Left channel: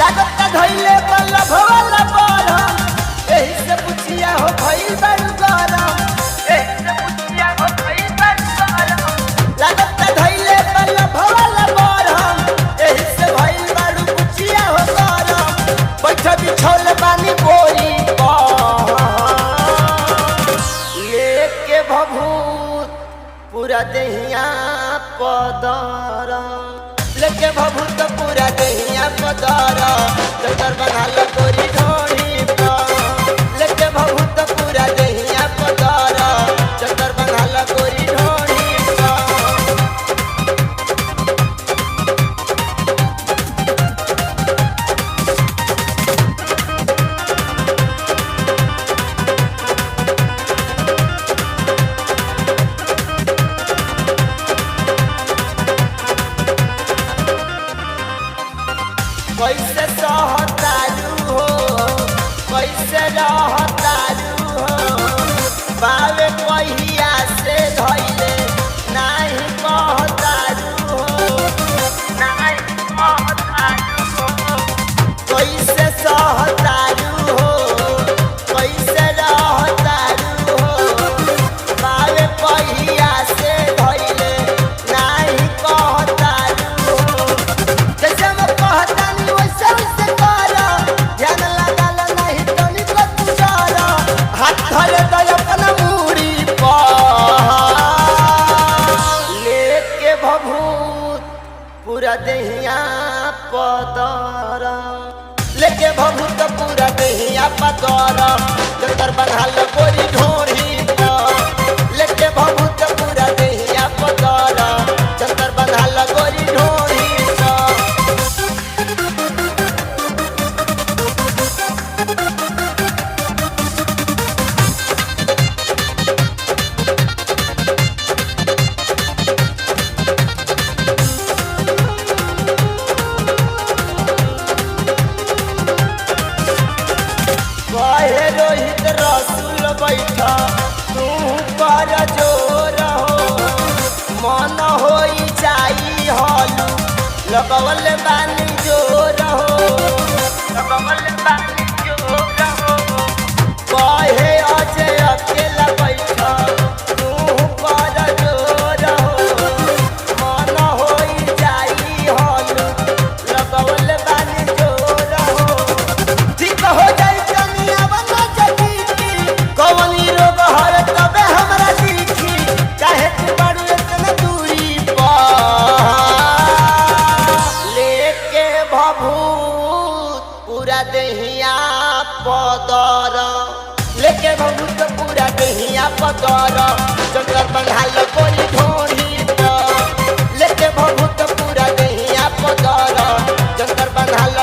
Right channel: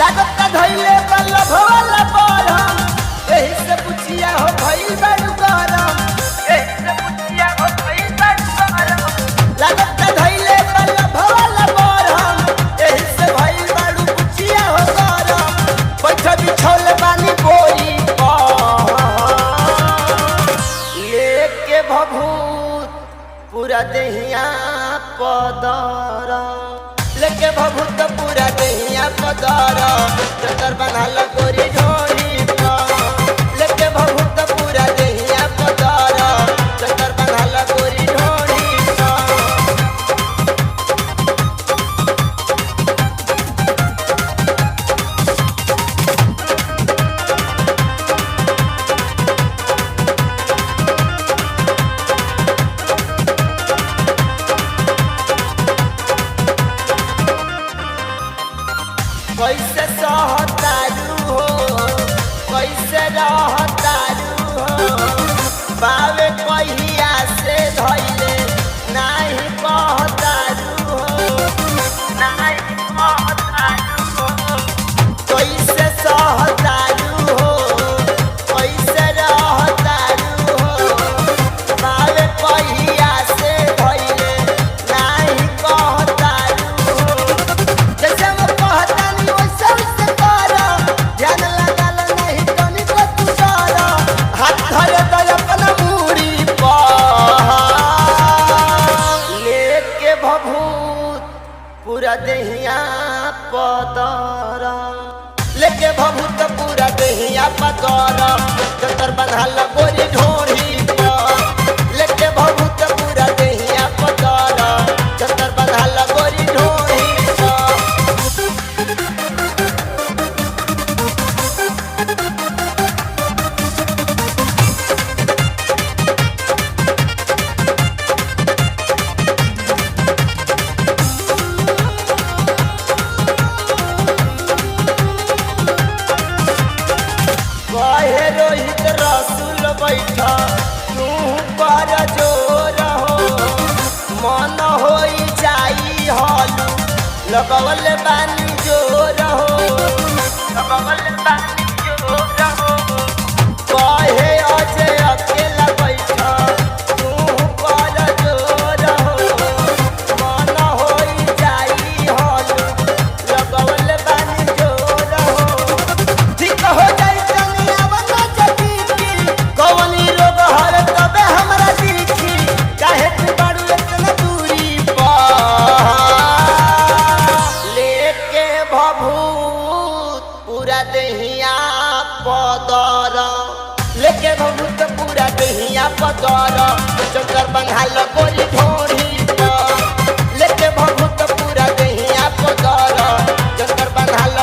लागत धैले बल्लभ वाला बरम एही से पुछिया हो भइल बड़ू गरम लागत धैले बल्लभ वाला बरम एही से भइल बड़ू पुछिया हो गरम बैठ बिछौल बानी बोरी लेके भभूत पूरा देहिया पदर लेके भभूत पूरा देहिया पदर चतर बंधाल गोरी ढोरी पर लेके भभूत पूरा देहिया पदर चतर बंधाल गोरी ढोरी पर कैसे सहतारू हो कैसे रहतारू हो बावे कहिया से धैले नाही कहतारू हो कैसे सहतारू हो कैसे रहतारू हो बावे कहिया से धैले नाही कहतारू हो जैसे हम कहता वैसे वैसे कर ध्यान लगाल नहीं तनी को तू डर हाथ धरे तो अपना मूड़ी पर लेके भभूत पूरा देहिया पदर लेके भभूत पूरा देहिया पदर जतर बंधाल गोरी ढोरी पर लेके भभूत पूरा देहिया पदर जतर बंधाल गोरी ढोरी पर कहे रोहित रसूल बैठा तू पर जोर हो मन हो जाई हलू लगवल बानी जोर हो कहे अजय अकेला बैठा तू पर जोर हो मन हो जाई हलू लगवल बानी जोर हो ठीक हो जाई कौनी रोग हर तबे हमरा दिखी काहे तू बाड़ू इतना दूरी पर लेके भभूत पूरा देहिया पदर लेके भभूत पूरा देहिया पदर जतर बंधाल गोरी ढोरी पर लेके भभूत पूरा देहिया पदर जतर बंधाल